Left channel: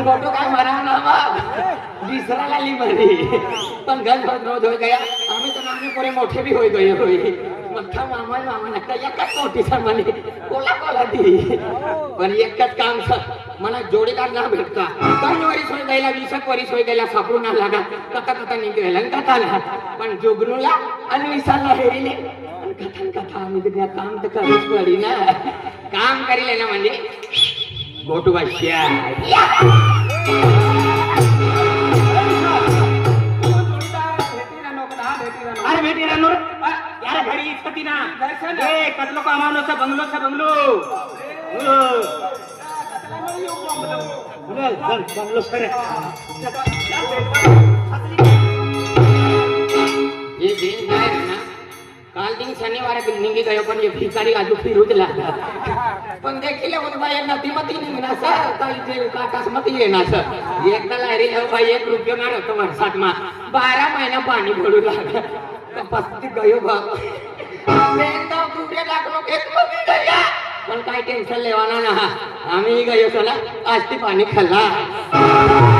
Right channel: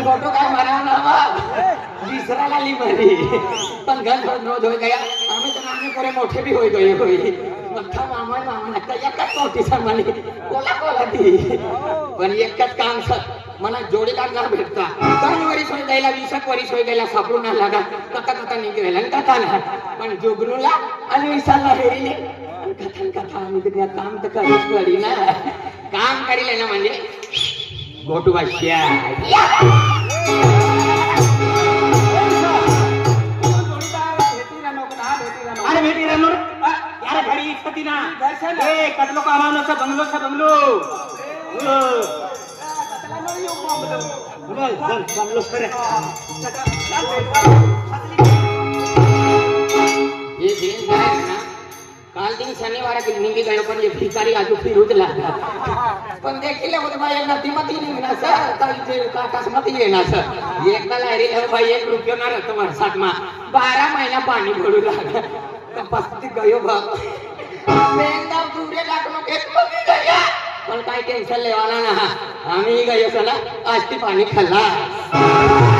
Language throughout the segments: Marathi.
पण गोटो काय मराव ना विसरा लागली मरी पण घर बहुत रोज गया. आम्ही तर आम्ही कोरे मोठे भी होई गए होई मठ्ठा मामा मामा नका एकच मोठी म्हणे कोला कोला ती. पण एकच काम सर. मला जोडीदार ना भेटता दोन वरीस होय गेला वीस एक वरीस होय गेला सापडून ना लागा कथा कथा निघेल कथाला पण जुगनूला आणि विसाला हेरिले. आणि कथन कथा आम्ही तर काम तर करूच पडी ना काम करील ना म्हणजे गोटू बाश्या ए कतलो कामावनो सा बंगलो सा बंगलो. बोल. चल बंगलो करे ये दिन काय ना काल दिन शनिवार निघी गयो पण हे भिकारी आजू फिरूच लागतात पण देखील बोल भाई नदीमती निघणार सर. तर इथे काकासमती येणार सर. एकदा लायरी हो भाई एक रुपये मारतो वर्षात मा बारा महिना पाणी पडू लागलं. पस्ती गयो बाप एकदम दुसरे लागलो एक मग गया पण काही टेन्शन लेवाना ना. आम्ही गयो चला. आज ती पाणी खाल्ला.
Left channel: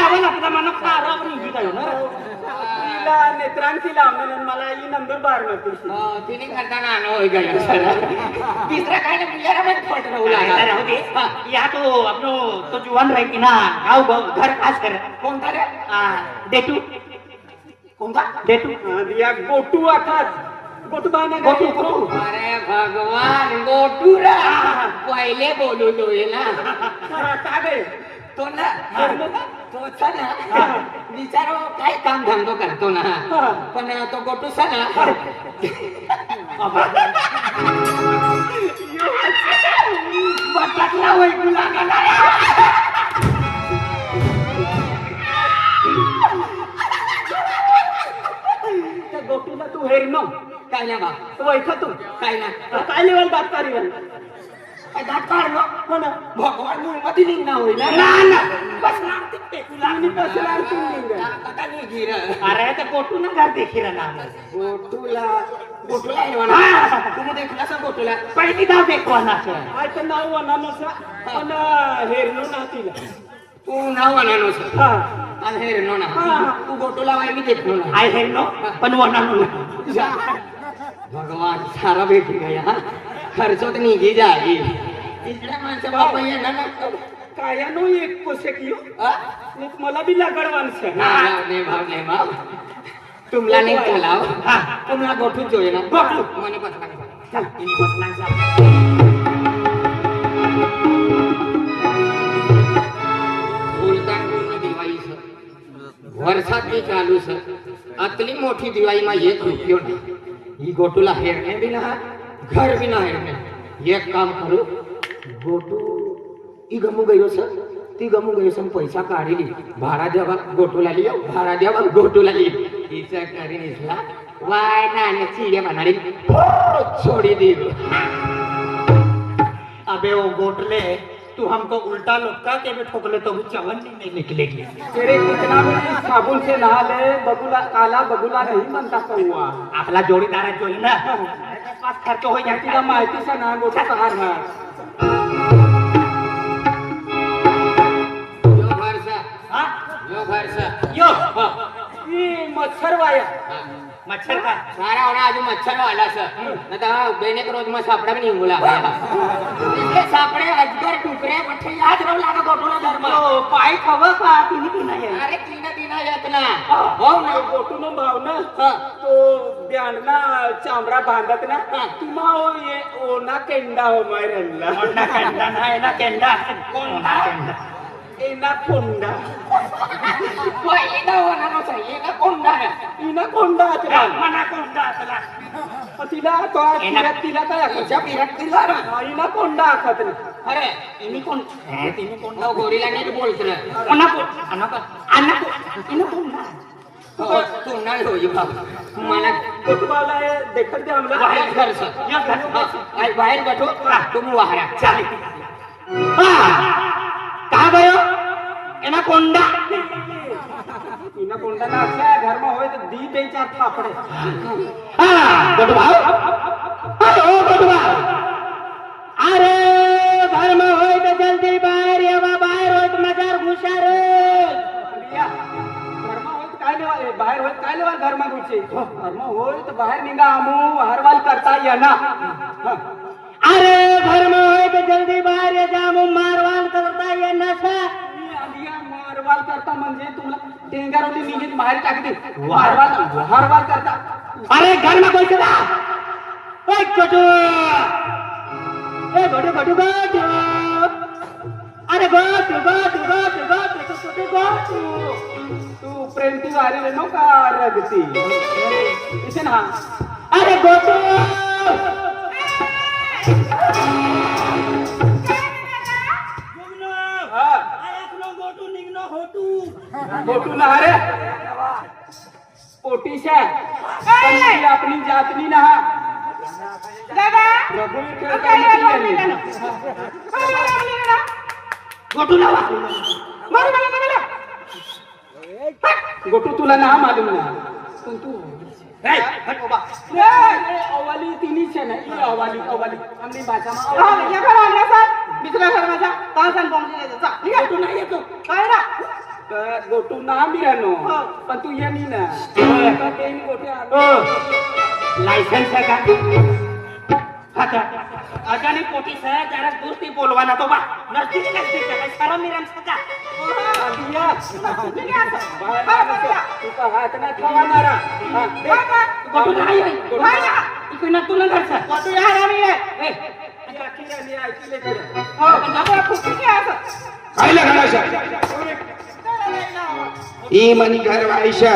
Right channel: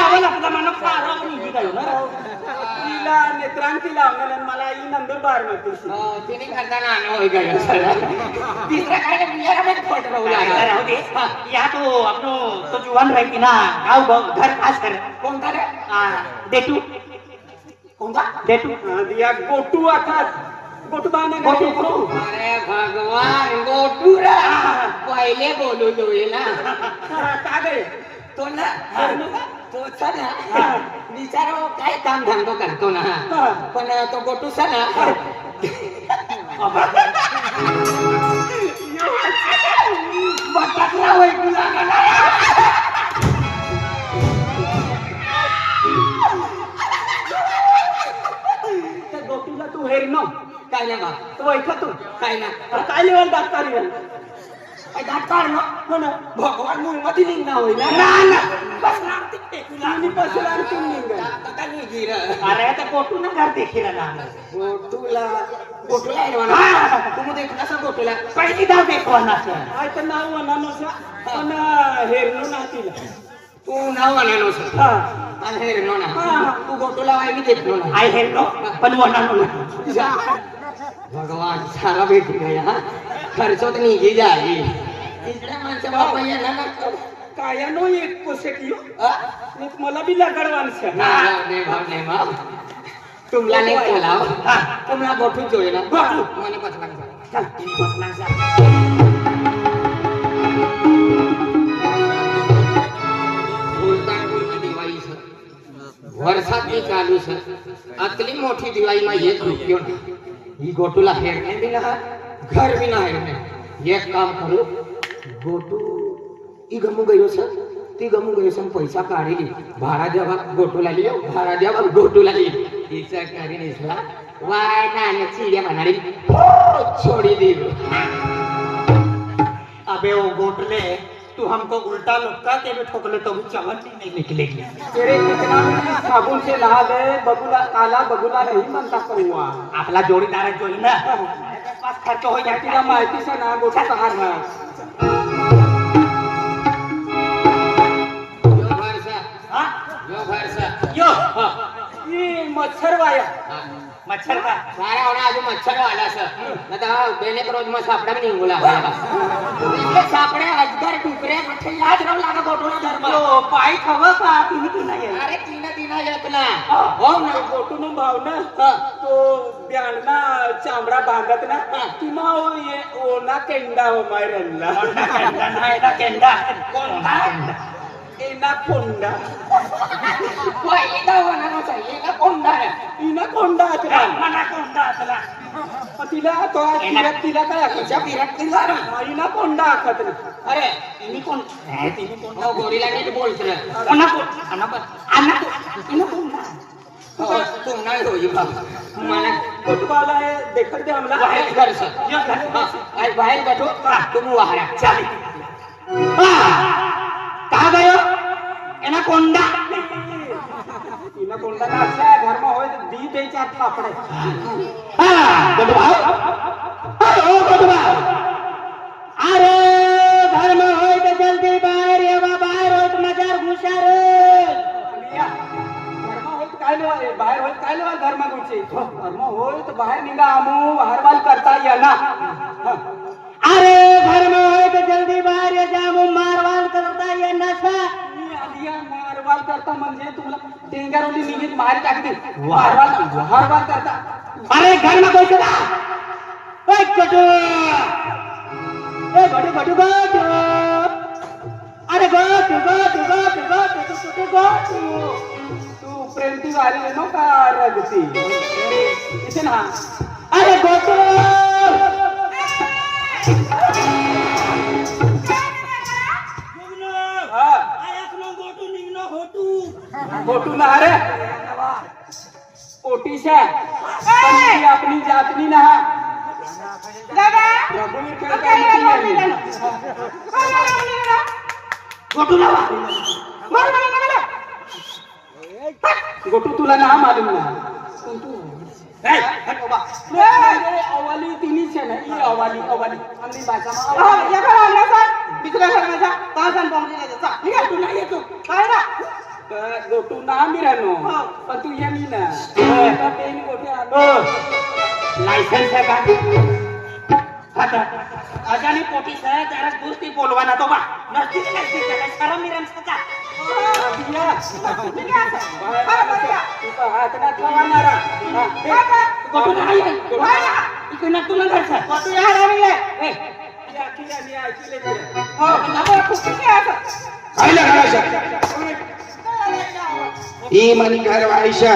का उभी जाईल ना. तिला नेत्रांती लावलेलं आणि मला ही नंदुरबार नव्हती अं, तिने करताना आणू होय गयो तिसरा काय नाही बियारा मध्ये फट राहू राहू लागला दे. या तो आपलो तो जुवान राही ना गाव गाव घर खास कर. कोणता रे देटू. कोणता? देटू. या गोटू आता गोटू गोटू, गोटू. अरे भगवान गोटूरा पहिले बोलू लोय ना का गए तो ना तो ना बिचारो काय काम धंदो करतो ना पण तो गोटू सा ना बटाकला होय तुला त्या गोटूला तू हेर न काय ना बा तो ऐकतो काय ना काय लेवल दात कारी काय दाट काढ ना हो ना भगवान मुळमध्ये निघणं होईल ना ना, ना. बसणार ते टेकूला. तिने बसला आणि तू निघ आता निघी रे. अरे तर कोटू ना घर देखील ना गोटूला गोटूला आहे ना तुम्ही देखला सर गोटूला पहिली गाव देखवा ना सर आयतं नाव म्हणा नसा पण हेरलो ना तिला तू नाव आणा सर हा आणि हे रे ना तू गोटूला वाय मी देखलो ना आय हेल नो पण वना नो भगवान सारा भेटी गया खर्च तर निघी जाई तिसऱ्या माणसं बाबा येणार ना काया नो एक कोसे कियो अ? एक मला बी लगडवान से नाही भाव, नाही भाव, नाही भाव. तुमला नाही चलाव तुम्हाला गोठून जोय ना. मने बसला का? चल जा सर. अतली मोठी दिवाळी मा एक रुपयो नाही. ही गोटूला हेरणे बी ना घर गमू गयो सर ती गमू गयो सर पैसा काढली. भाडा द्यावा गोटूला लियो भाडा द्यावा गोटूला लियो हिचा करीन वाय ना चिड्या म्हणाली हो, छोडी दी. अबे वो गोटले तू हमको उल्टा लुटका के भी ठोकले तो वो चवन नहीं निकलेगी. तेरे कितना साबुन से नहा ले बबुला काला बबुला नहीं मनता कौआ आपला जोडीदार जोडी ना पास खर्च हो जाती ना माहिती से ना गोटा सहार है भरसा हा यो भरसा यो ये मच्छर वाया हा. मच्छर का सारा होणार अजून मच्छर आला सर आता बेने रोज मग सापडा पण निघू लागला इकडे सापडे अजगर टुकरे कुठे याद राहू लागत गोटूला धर्म तो पाय खवं का तिने की नाही अरे तिनं तिनं येत ना हो ना गोटून भाव ना हा. तो ब्यांडना चामडा बांधत ना हा. तुम्हा ये ओना केंडा मायरनला केंडा नाही ना केंडा एना कोंडा पहिला होणार होता एका कोंडा इना कोंडा अचरा मना कोंडा असला तिला तो तिला काय इना कोंडा आखत अरे कोण तिने बोलत कोणा कोंडा होई बाबा मला देखत दे बाहेर घर सर बाहेर बैठो तुम वाहरा चालेल कहा गयो एना कोंडा इना कोंडा ना अच्छा घर में होए तो दी दे चार थापड़े हा, गोटभाव अरे ओ गोटभाव अरे घर में होय तो जल्दी बाहेर ये बा बाहेर होत मजार घुसार लिया घर में होए तो काय लेवा बाहेर होए तो काय लेवा घर में घुसे घर में होए तो बाहेर निघा आमू हरवाल करता या ना हाँ. अरे घर में होय तो जल्दी बाहेर ये जामू मारवाल करता ये नशा मी आलिया मारवाल करता म्हणजे तुला टेंगारवली निघित बाहेर टाकते. हरवाल करता. अरे घर में कोई चला ओए गोटू. ए गोटू गोटू गोटू. अरे गोटू तू प्रेमती वारी नो का रगती ना. अरे गोटू. गोटू ना रे. ओटीशा ती आपली जातनी ना हा रघुवीर गोटू लावा गोटू तुला ना मालूम ना. पण तू ए, हट बाबा. म्हणजे अवाली तिनीच आहे ना ही अवाली अवाली आमली भाषामा अवाली. गोटू नाही येतो. तर गोटू ना मी राहनो पण तू ये नी ना आता ते नी गोटे ओ, आलो. लायसन्स आहे का आता अजानी पोटी सह जरा दोस्ती बोलवाना तो बा नसती नसती काय शरम मिरम सका दिया. बाहेर आलो. तू तर हात ना ठेवणारा. हा, दे. गोटू नाही आहे. गोटू नाही आहे. इकडे ना तुला घरचं गोटू या राणी आहे ए, ती अखिल आली, ऐकले तुला. पाहिलं का अशा ही घर आयशा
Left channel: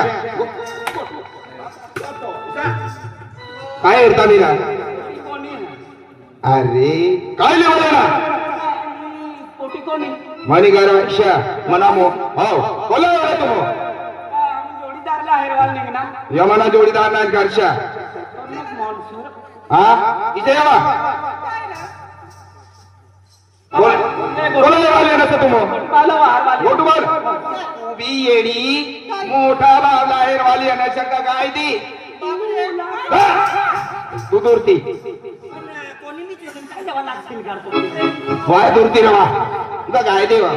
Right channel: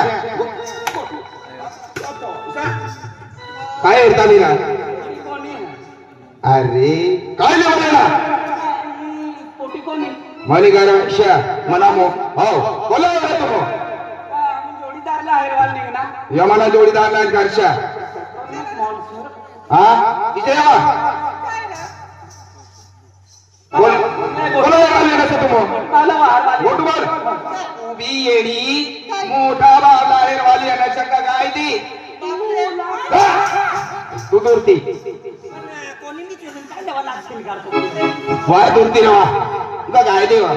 काय येता निरा अरे काय लिहिलं ही पोटी मनी घर आयशा मना मो हो बोला येतो जोडीदार नाही घरच्या हा इथे या बोल उभी येडी मोठा बावला हेरवाली येण्याच्या का काय ती तू दुरती कोणी मी चोरून काय द्यावा लागतील करतो वाय दुरती रे वा काय देवा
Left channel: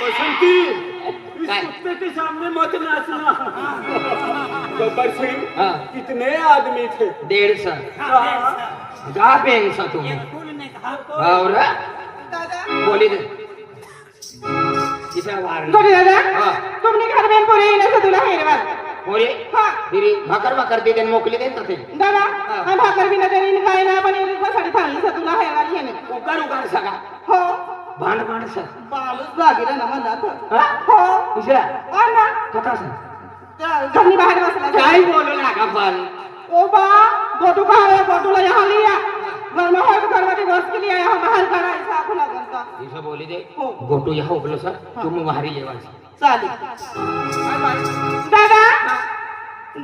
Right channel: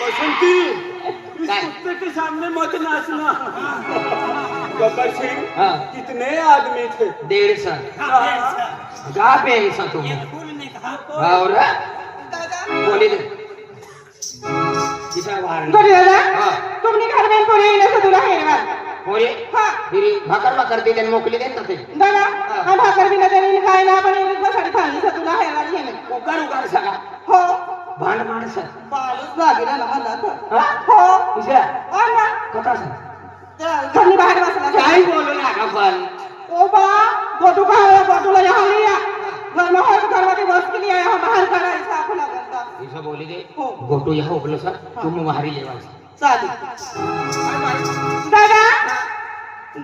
बसंती इस काय? कुत्ते के सामने मत नाचना। गब्बर सिंह हाँ। कितने आदमी थे? डेढ़ सौ। जा पेन सा तुम। और बोली दे। किसा वार हाँ। तुमने घर में पुरे येण्याचं तुला हा. फिर. भाकर भाकर दे देन मोकली तर ते. दादा हा. भाकर बिना तरी काय ना आपण येण्यासाठी सांगितलं तुला हैरवाल येणे उकार उकार सगा हो. भांड भांड सर. बालूच लागेल ना मला तर. हा? हो. हो ना. कथा सर. तर घरी बाहेर बसला. काय बोलू लागा पण. ओ बा गोटू का है गोटूला यहाँ लिया. घर में हो करवाते बस के लिए यहाँ बाहर करता ऐसा बोली दे. हो. गोटो यहाँ उबलो सर. तुम वहारी लेवा चालेल दादा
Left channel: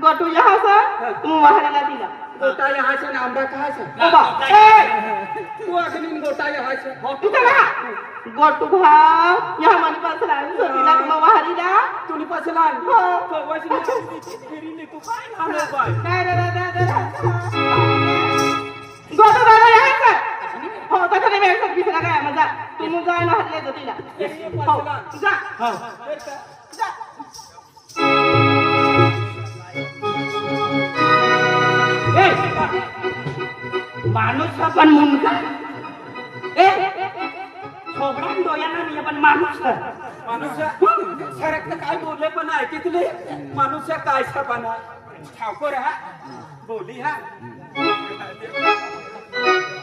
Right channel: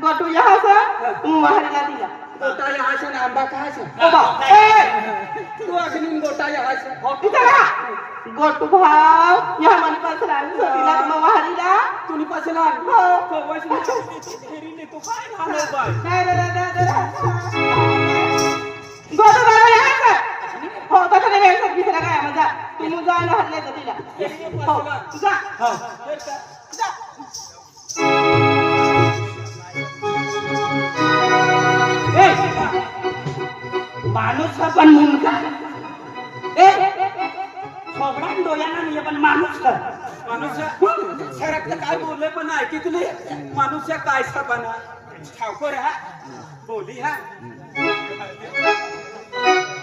गोटू यहाँ से तू वाहरीला दिला. गोटा यहाँ से ना आंबा कहाँ से बाबा ए! तू अग्निन गोटा यहाँ से तू चला गोटू भाव यहाँ मन कसला दिला मग वाहरीला. तुनी पसलान हो. कवच फेरी ले तू काय बाय. रे रे रे गोटू से हो तसं नाही व्यायचं दुसरा काय मजा तू मग जा ना हरले तिला. हो जा. का जा. माणूस हा पण मुंडका. ए छोकरा डोळ्याला नाही पण माणूस हा. मनुष्य सरक काय बोलले पण ऐकितले? मनुष्य काय सपना ठावकर हा. बोली हा.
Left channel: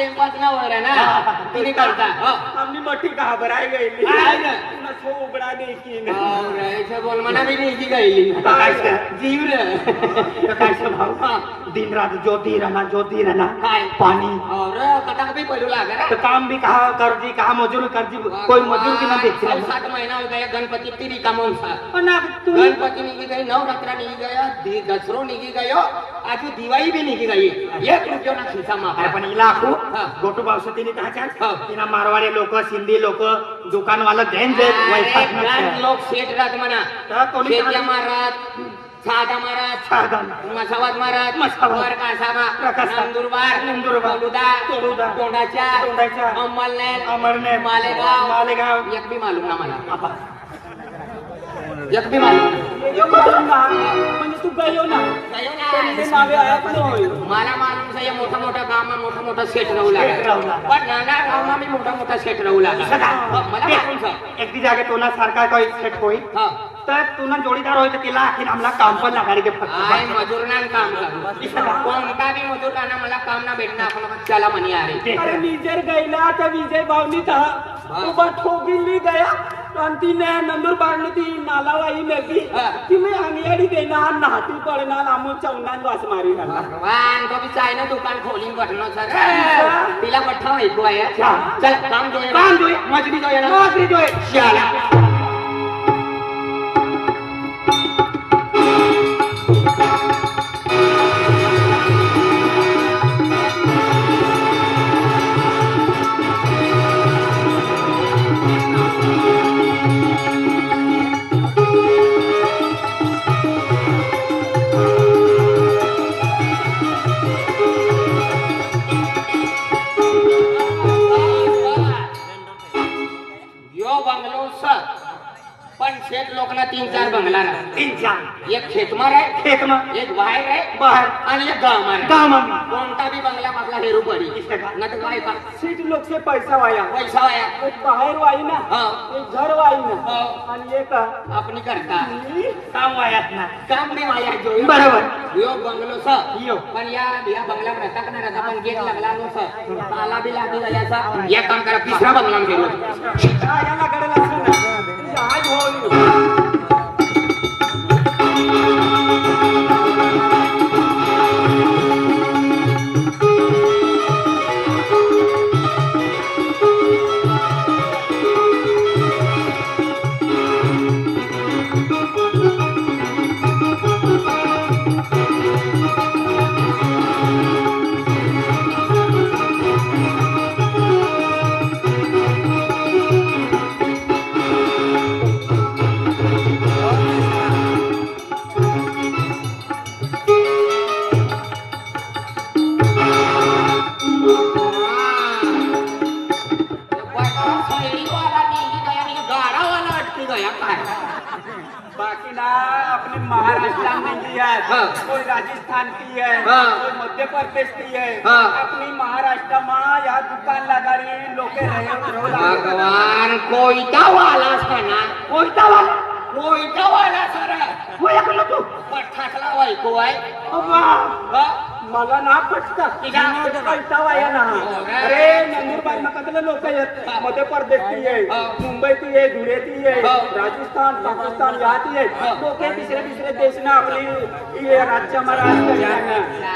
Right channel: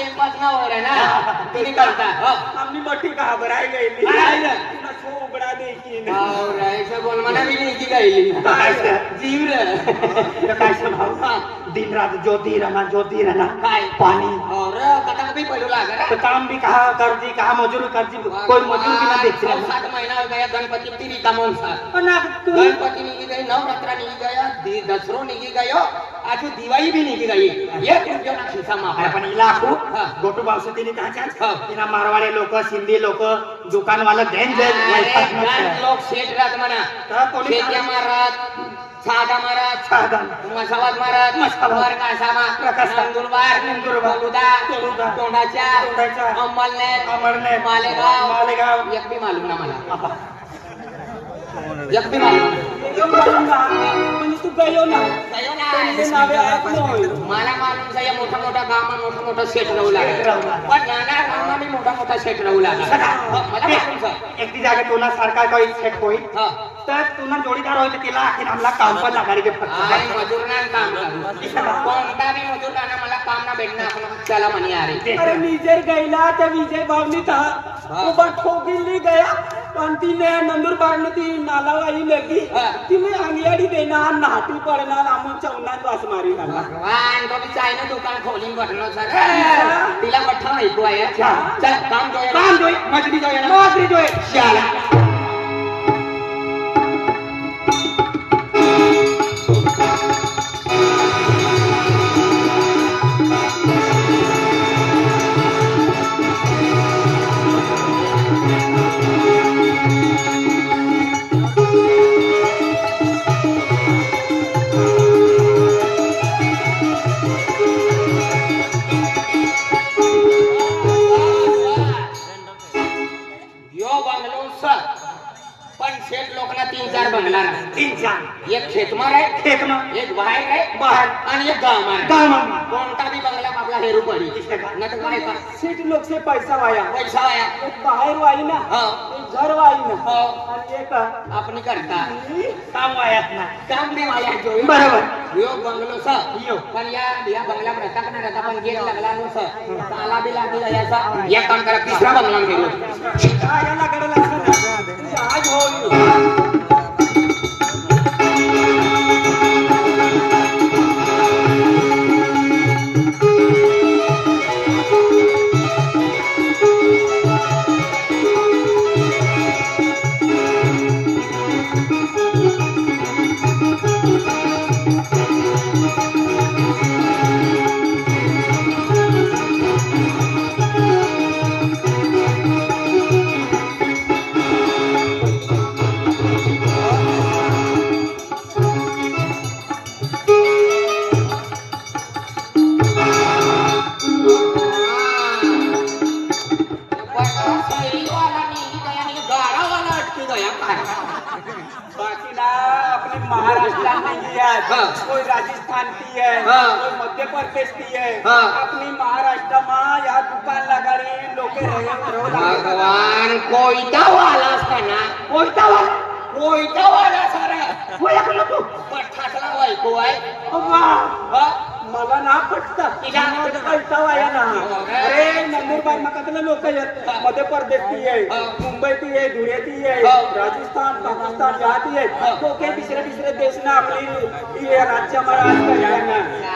टेम्पस ना. वगैरे ना तुम्ही करता. हो. हमने मट्टी कहा बराई गई काय ना? छो उगड़ा देखी और मना जीव रे काय भाऊ दिन रात ज्योती रहना ज्योती रहना काय? पानी और कटक भी पड़ू लागा तो काम भी कहा कर्जी कहा मजूरी कर्जी कोई मजूर भी ना देख रहा। सात महीना हो गया गणपति तिरी का मौसा। पण अब तू गणपति निघी गई नवरात्रा निघी गया दी- दसरो निघी गयो आज दिवाळी भी निघी गई। एक रुपया ना खिसा अरे मारा पण हा. गोटू भावसा तिने कहा हा. तिना मारवाडे लोक सिंधी लोक दुकानवाला देन दे वैताग अरे, नसते. लोक शेट राहत म्हणा तर कोणी मारत साधा मारत साधन मसावात मारत मसावात. वर कासावा प्रकाशा. नंदुरबार नंदुरबार. तोलुदा तोलुदा. तोंडाच्या तोंडाच्या. अंमलनेर अमरनेर. मालेगाव मालेगाव. एक भी मालूम ना मला आपा. एक भी मालूम म्हणजे तू गयो ना मला मालूम आहे मोठं मोठं गाव मोठं मोठं सेट राहू लागला लागला. पण नाना मी मोठा मोठा सेट राहू लागला हो, मला मालूम आहे. एक दी जागा तोना सारखा काही सेट होई हो. तर तुना जोडीदार होय तर तिला आखीर आमला काम पण आय मजूर ना काम करू. कोणता बी मजूर ना मला काम ना भेटणार आपण चला म्हणे अरे अरे निजर गैला तर विजय भावनी उभा ठोकिली गया आणि तिने नंदुरबार ती नालावाई लगी. तिने अंगियाडी देणार नाटी पडणार आमू चौनान वास मारी भगवान कभी चायना दुकान खोली बटनो सर. तिला पठ्ठा ऐकू आहे चल काम जोया. काम जोया. मजबी जोया ना. नोकरी जोय. चला एक खेतमार आहे खेत में एक बाहेर आहे बाहेर आणि एक गाव आहे. गाव में कोणता बी बंगला आपला हेरू पडी न तर काय पा- सीट लोक से पैसा वाया. पैसा वाया. एक बाहेर वाई ना हा. एक घर वाई ना हो. आणि एक आपण करता. काम वायात ना. काम नाही वाया जो बरोबर. यो बंगलो सर. यो. पण या या बंगल्यात राहता का नाही राहता पण गेट लागला नो सर. ताला बी लागली जाया सर. एक काम करा तिसरा बंगला गेलो याला कडे आज होईल. राजस्थान की है हाँ। कोई मध्य प्रदेश की है। हाँ। अपनी महाराष्ट्र में यहाँ दुकान लगारी लोक भगवान कोयता वालास का ना कोयता वाला कोयता वाला सारा। तू पठाकला बायको आहे मला ना पटत कळता वाया ना अरे नंदुरबार मकातले लोक आहेत मध्य प्रदेश ती आहे मुंबई ती आहे धुळे ती आहे राजस्थान पाकिस्तान या. ती आहे लोक दुसरे दुसरे देश ना आपली ही राज्य महाराष्ट्र